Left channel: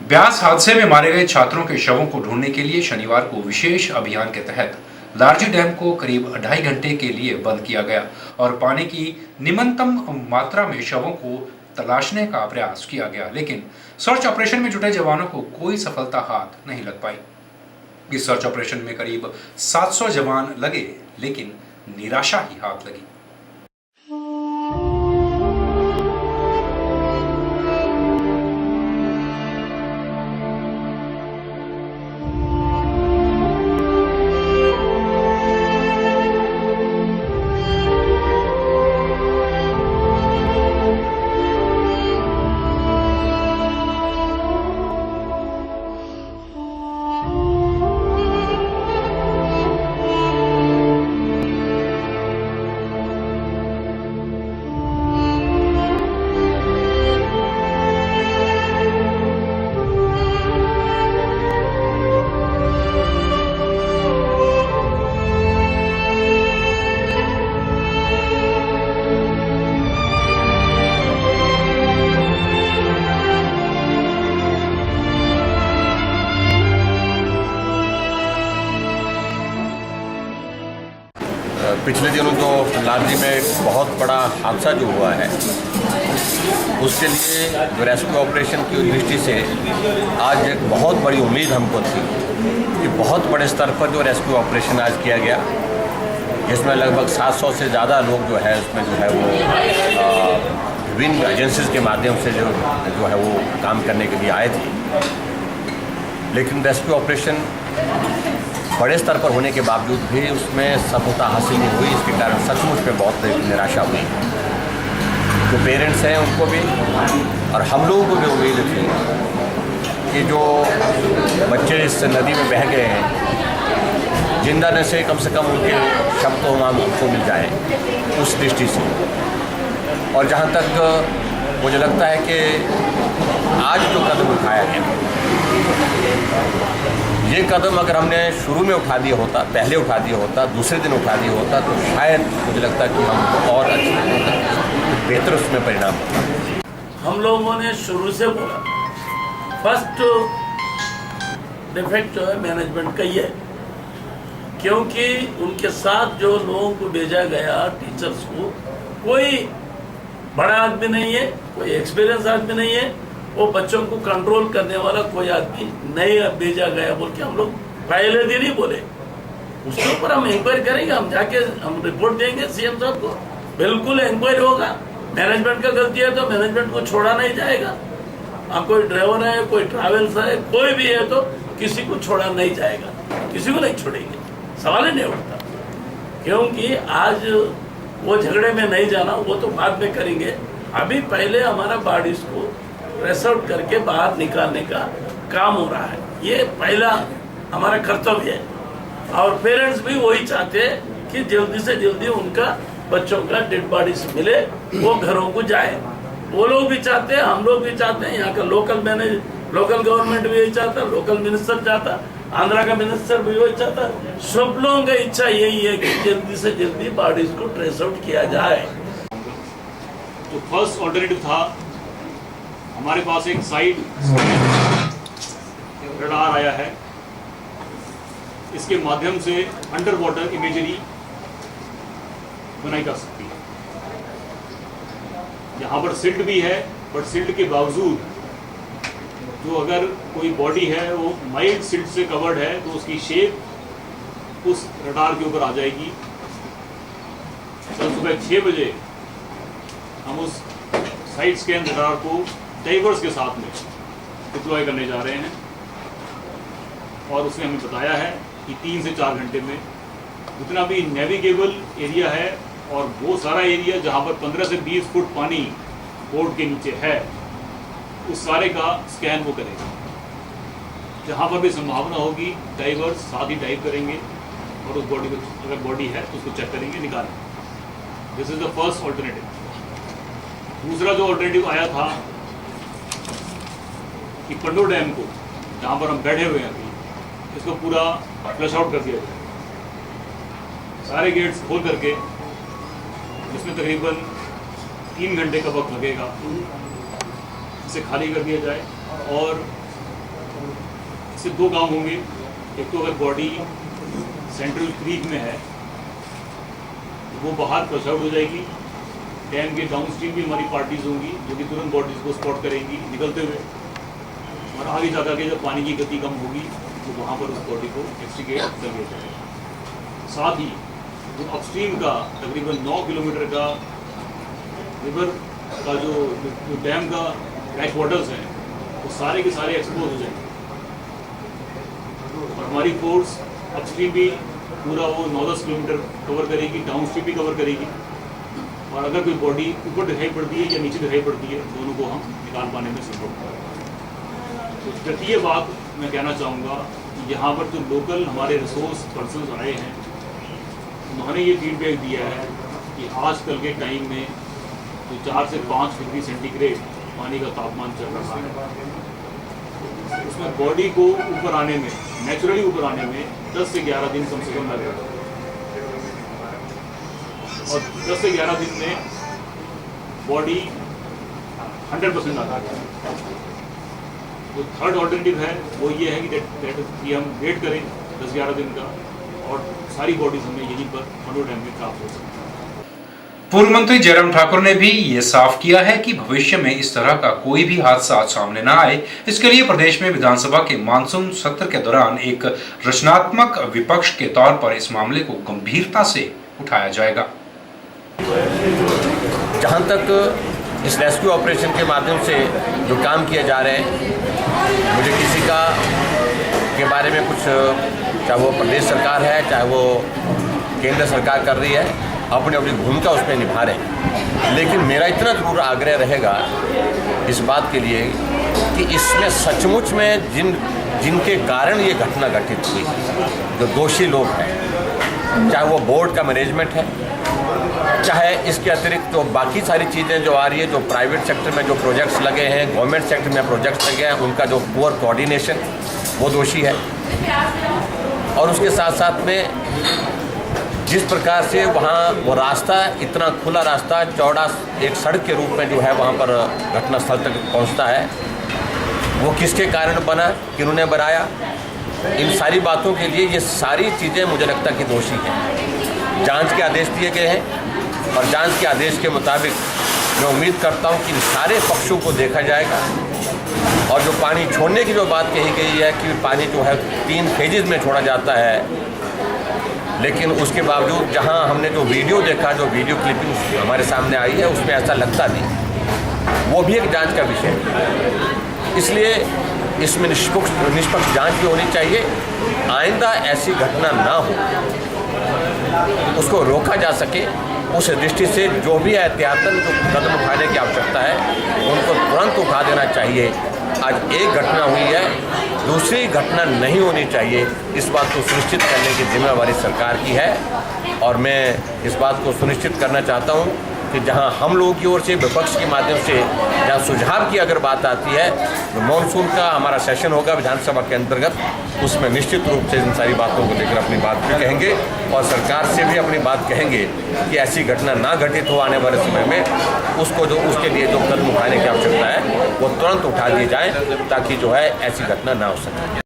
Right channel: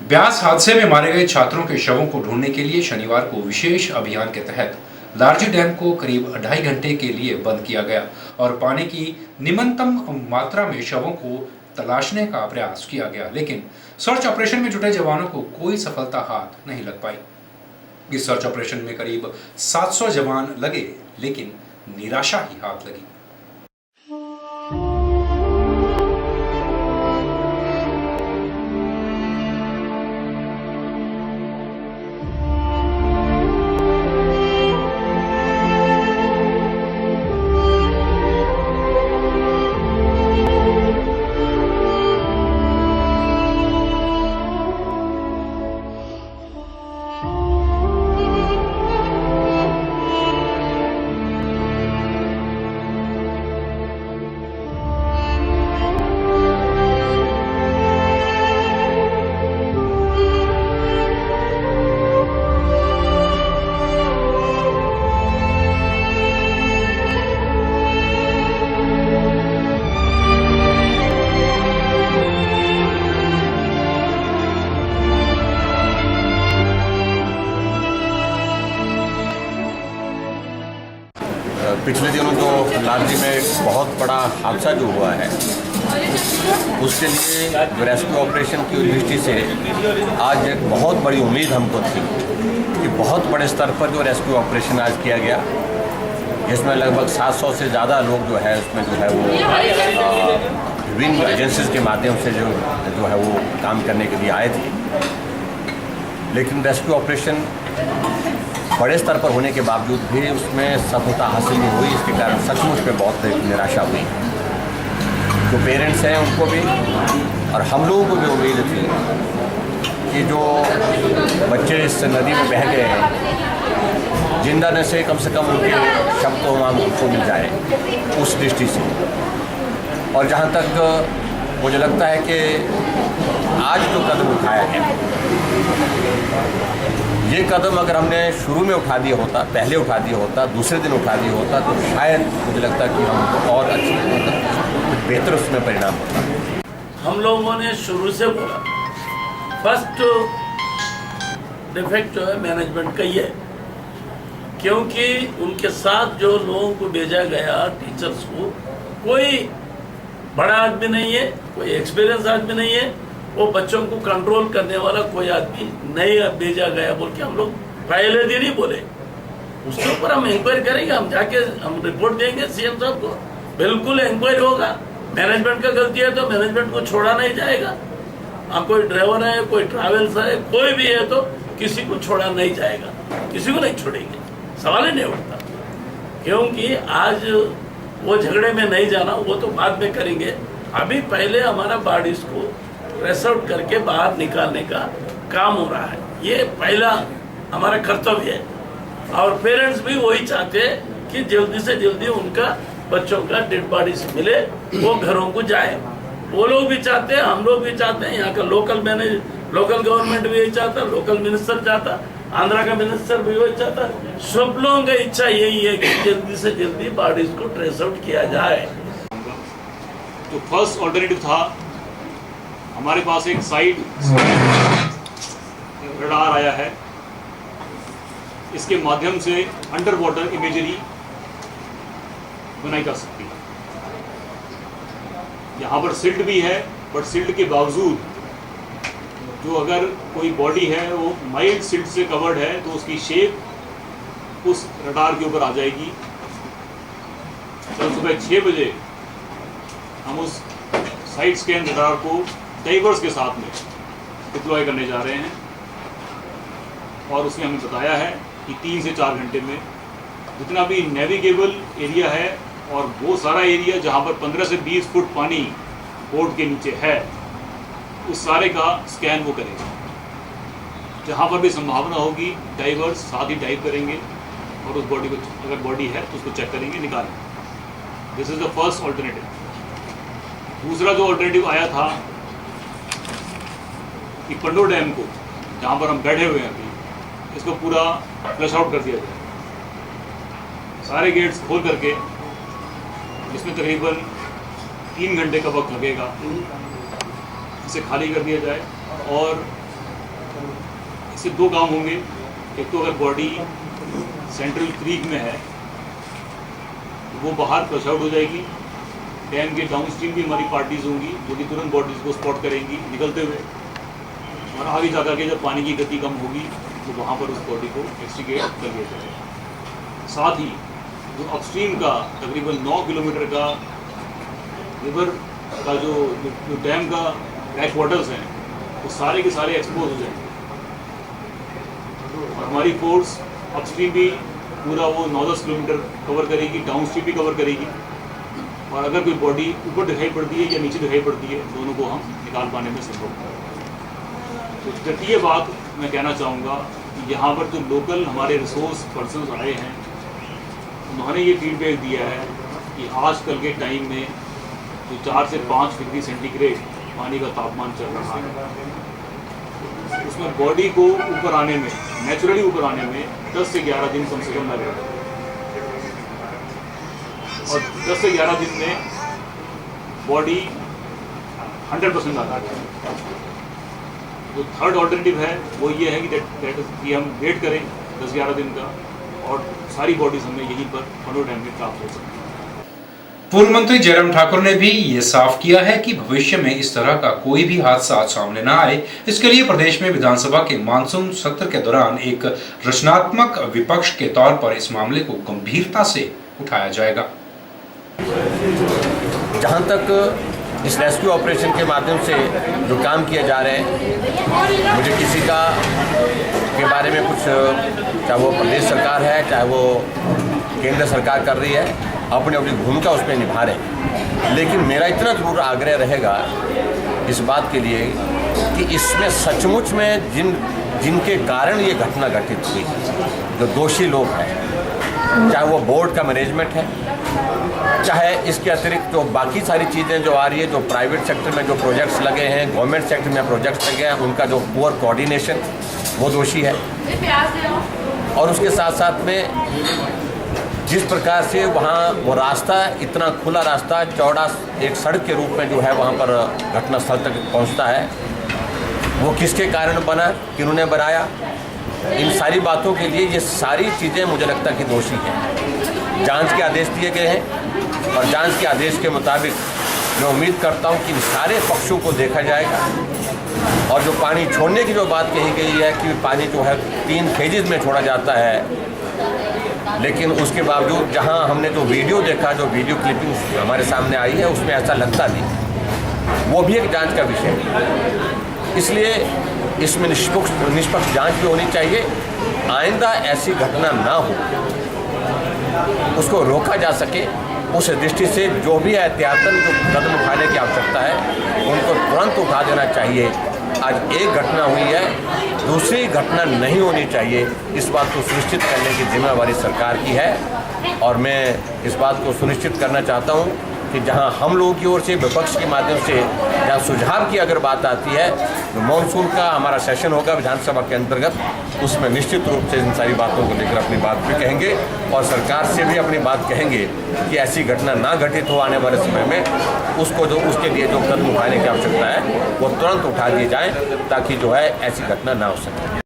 ब्यास हादसे में मारे गए छात्रों के शवों को ढूंढने के लिए शनिवार को विशेष अभियान के तहत लारजी डैम को करीब 2.5 घंटे के लिए बंद किया गया और पानी की निम्नतम मात्रा में शवों को तलाशने का प्रयास किया गया, लेकिन सर्च ऑपरेशन में जुटे जवानों को कोई सफलता हाथ नहीं लग पाई। इस सर्च ऑपरेशन में करीब 700 जवान लगे, लेकिन निराशा ही हाथ लगी। पिछले दिनों जो लारजी में एक बहुत बड़ा हादसा जो हुआ है, उसके लिए जो रेस्क्यू ऑपरेशन की दृष्टि से आज एक बहुत बड़ी उम्मीद हमको थी कि बहुत बड़े स्तर पर जो रेस्क्यू ऑपरेशन आज किया गया, जिसमें लगभग 700 से ज़्यादा लोग जो है उसमें जो है वो विभिन्न एजेंसीज के माध्यम से जो है वो काम करने के लिए आए थे। लेकिन रेस्क्यू ऑपरेशन बड़े स्तर पर होने के बावजूद भी उसमें सफलता हासिल नहीं हुई। इसके कारण सचमुच में बहुत निराशा हुई। जो पेरेंट्स हैं उनको भी और हम लोगों को भी उम्मीद थी कि जो बच्चे इस नदी में बह गए हैं, जिंदा न से कम उनके शव तो हमको मिल जाए, उस दृष्टि से। और जहाँ तक मुझे लगता है कि आज जो कदम उठाया गया, ये कदम अगर हमने शुरू में उठा दिया होता, पहले उठा दिया होता, दूसरे दिन उठा दिया होता, तो शायद मुझे लगता कि हमको और बेहतर उसमें परिणाम होता। हम लोगों ने शुरू से बोला, फर्स्ट डिफेक्ट जो है मैनेजमेंट का ही है, क्योंकि उनके साथ जो लोगों को भेजा गया, टीचर्स को, कोई बड़ा आदमी नहीं है, कोई एक्सपीरियंस आदमी नहीं है, वो बच्चों को कंट्रोल करने वाला कोई आदमी नहीं भेजा गया बोल के हम लोग पहले दिन ही बोले। उसके ऊपर हम इंक्वायरी करेंगे, हम जाके हम रिपोर्ट देंगे सीएम साहब को, बिल्कुल इंक्वायरी होगा। मैनेजमेंट का गलती है तो मैनेजमेंट को छोड़ा नहीं जाएगा। कोई ड्राइवर है, कोई ट्रैवल्स है, कोई भी है तो किसी को छोड़ा नहीं जाएगा, किसी को नहीं छोड़ेंगे, सवाल ही नहीं उठता। क्योंकि आज वो झगड़े में नहीं जाना, वो तो बाद में करेंगे। अभी पहले हमारा बॉडीज को ट्रेस आउट करके बाहर निकालने का काम हो रहा है, ये पहला हमारा कर्तव्य है। और पेरेंट्स भी वही चाहते हैं कि जल्दी से जल्दी उनका बच्चों का डेड बॉडी से मिले, वो घरों को जाए। वो लोग भी चाहते हैं, हम लोग भी चाहते हैं, यहाँ का लोकल गवर्नमेंट भी यही चाहता, लोकल मिनिस्टर चाहता, आंध्रा का मिनिस्टर भी वही चाहता। सब लोगों की इच्छा यही है कि जल्दी से जल्दी बॉडीज को ट्रेस आउट किया जाए। तो फर्स्ट ऑल्टरनेटिव था, हमारे पास एक साइड रडार आया है, इसके माध्यम से अंडर वाटर इमेजरी बनाई जा सकती है। यहाँ पर सिल्ट भी है, बट सिल्ट के बावजूद जो अगर कोई बॉडी है वो माइल्ड सिल्ट से कवर्ड है, तो उसकी शेप उस रडार के ऊपर आ जाएगी। कल सुबह 6 बजे हम उस साइड स्कैन रडार को डाइवर्स के साथ में डिप्लॉय करने जा रहे हैं, और उसने हमें बताया है कि 3 से 4 घंटे में जितना भी नेविगेबल एरिया है और वो सारा एरिया जहाँ पर 15 से 20 फुट पानी बोर्ड के नीचे है, उस सारे का स्कैन वो करेंगे। जहाँ पर भी संभावना होगी डाइवर्स साथ ही डाइव करेंगे और उस बॉडी को, अगर बॉडी है तो उसको चेक करेंगे, निकालेंगे। This is the first alternative. दूसरा जो ऑल्टरनेटिव आया था कि पंडो डैम को, जहाँ पर हम बैठे हुए हैं अभी, इसको पूरा फ्लश आउट कर दिया जाए, सारे गेट्स खोल करके, जिसमें तकरीबन 3 घंटे का वक्त लगेगा, इसे खाली कर दिया जाए और इससे दो काम होंगे। एक तो अगर बॉडी सेंट्रल क्रीक में है तो वो बाहर फ्लश आउट हो जाएगी। डैम के डाउन स्ट्रीम भी हमारी पार्टीज होंगी जो कि तुरंत बॉडीज को स्पॉट करेंगी निकलते हुए, और आगे जाकर के जब पानी की गति कम होगी तो वहाँ पर उस बॉडी को एक्सट्रीगेट कर लिया जाएगा। साथ ही जो अपस्ट्रीम का तकरीबन 9 किलोमीटर का रिवर का जो डैम का बैक वाटर्स हैं वो सारे के सारे एक्सपोज हो जाएंगे, और हमारी फोर्स अपस्ट्रीम भी पूरा वो 9-10 किलोमीटर कवर करेगी, डाउन स्ट्रीम भी कवर करेगी, और अगर कोई बॉडी ऊपर दिखाई पड़ती है या नीचे दिखाई पड़ती है दोनों को हम निकाल पाने में संभव होगा। तो तृतीय बात मैं कहना चाहूँगा कि यहाँ पर जो लोकल हमारे रिसोर्स पर्सन आए हैं उन्होंने ये फीडबैक दिया है कि आजकल के टाइम में जो 4 से 5 डिग्री सेंटीग्रेड पानी का तापमान चल रहा है उसमें बॉडी को ऊपर आने में, नेचुरली ऊपर आने में 10 से 11 दिन कम से कम लग रहा है, और 10 से 11 दिन में बॉडी 100% आ जाती है। तो थर्ड ऑल्टरनेटिव है वो ये है कि हम वेट करें 10-11 दिन का, और सारी बॉडीज हमें यहीं पर खंडो डैम में प्राप्त हो सकती है। पूर्व मंत्री जयराम ठाकुर ने भी ये साफ किया है कि भविष्य में इस तरह का कोई भी हादसा सामने न आए, इसके लिए प्रदेश में विधानसभा के मानसून सत्र के दौरान एक रचनात्मक विपक्ष के तौर पर इस मामले को गंभीरता से उठाया जाएगा। जहाँ तक इस रेस्क्यू ऑपरेशन के माध्यम से जो काम किए जा रहे हैं, मुझे किसी का के बारे में कुछ, चाहे वो प्रदेश सरकार है चाहे वो केंद्र सरकार कर रही है, अपनी अपनी भूमिका उसमें निभा रहे हैं, लेकिन मेरा इतना जरूर आग्रह रहेगा इस बात के लिए कि इसमें सचमुच में जिनके कारण ये घटना घटित हुई, जो दोषी लोग हैं, चाहे वो बोर्ड का मैनेजमेंट है, चाहे इसके अतिरिक्त जो बाकी सारी चीज़ें जो आ रही है, जो प्राइवेट सेक्टर में जो प्रोजेक्ट्स लगे हैं, गवर्नमेंट सेक्टर में प्रोजेक्ट्स लगे हैं, उनका जो पुअर कोऑर्डिनेशन वो दोषी है, और उसके साथ साथ में जिस प्रकार से वहाँ वो रास्ता, इतना खुला रास्ता, चौड़ा एक सड़क के रूप में जो है वहाँ पर घटनास्थल तक पहुँचता है, वो किसके कारण बना, किन्होंने बनाया, इन सारी बातों के लिए ये सारी चीज़ें मुझे लगता है कि दोषी हैं। जांच के आदेश दिए गए हैं, और जांच के आदेश के मुताबिक मैं उम्मीद करता हूँ कि इन सारे पक्षों को देखा जाएगा, और जो पानी छोड़ने की जो बात कही गई है कि पानी जो है 3 फेजेज में छोड़ा जाता है, लेकिन उसके बावजूद जहां हमने जो वीडियो देखा, जो वीडियो क्लिपिंग हमारे सामने आई है, उसमें ऐसा लगता नहीं। वो भी एक जांच का विषय है, इसलिए इसमें निष्पक्ष जांच भी होनी चाहिए। आइंदा ऐसी घटना ना हो, उसको रोका जा सके, उस दृष्टि से जो भी एहतियातन जो कदम उठाने की आवश्यकता है उनको तुरंत उठा देना चाहिए। आज एक घटना हुई है, दूसरी घटना नहीं होनी चाहिए, इस बात को सुनिश्चित करने की जिम्मेवारी सरकार की है, और मैं इस बात को सुनिश्चित करना चाहता हूँ कि जहाँ हम लोगों की ओर से, विपक्ष के माध्यम से जहाँ सुझाव की अगर बात आती है, तो मानसून का हमारा सेशन होगा विधानसभा के अंतर्गत, उसमें निश्चित रूप से इन सारी बातों को लेकर अपनी बात भी कहेंगे, और सरकार से भी अपनी बात कहेंगे कि ऐसी घटना ना घटित हो आने वाले समय में, उसके लिए जो कदम उठाने की आवश्यकता है वो तुरंत उठा दिए जाए, ताकि जो है ऐसी घटना ना हो सके।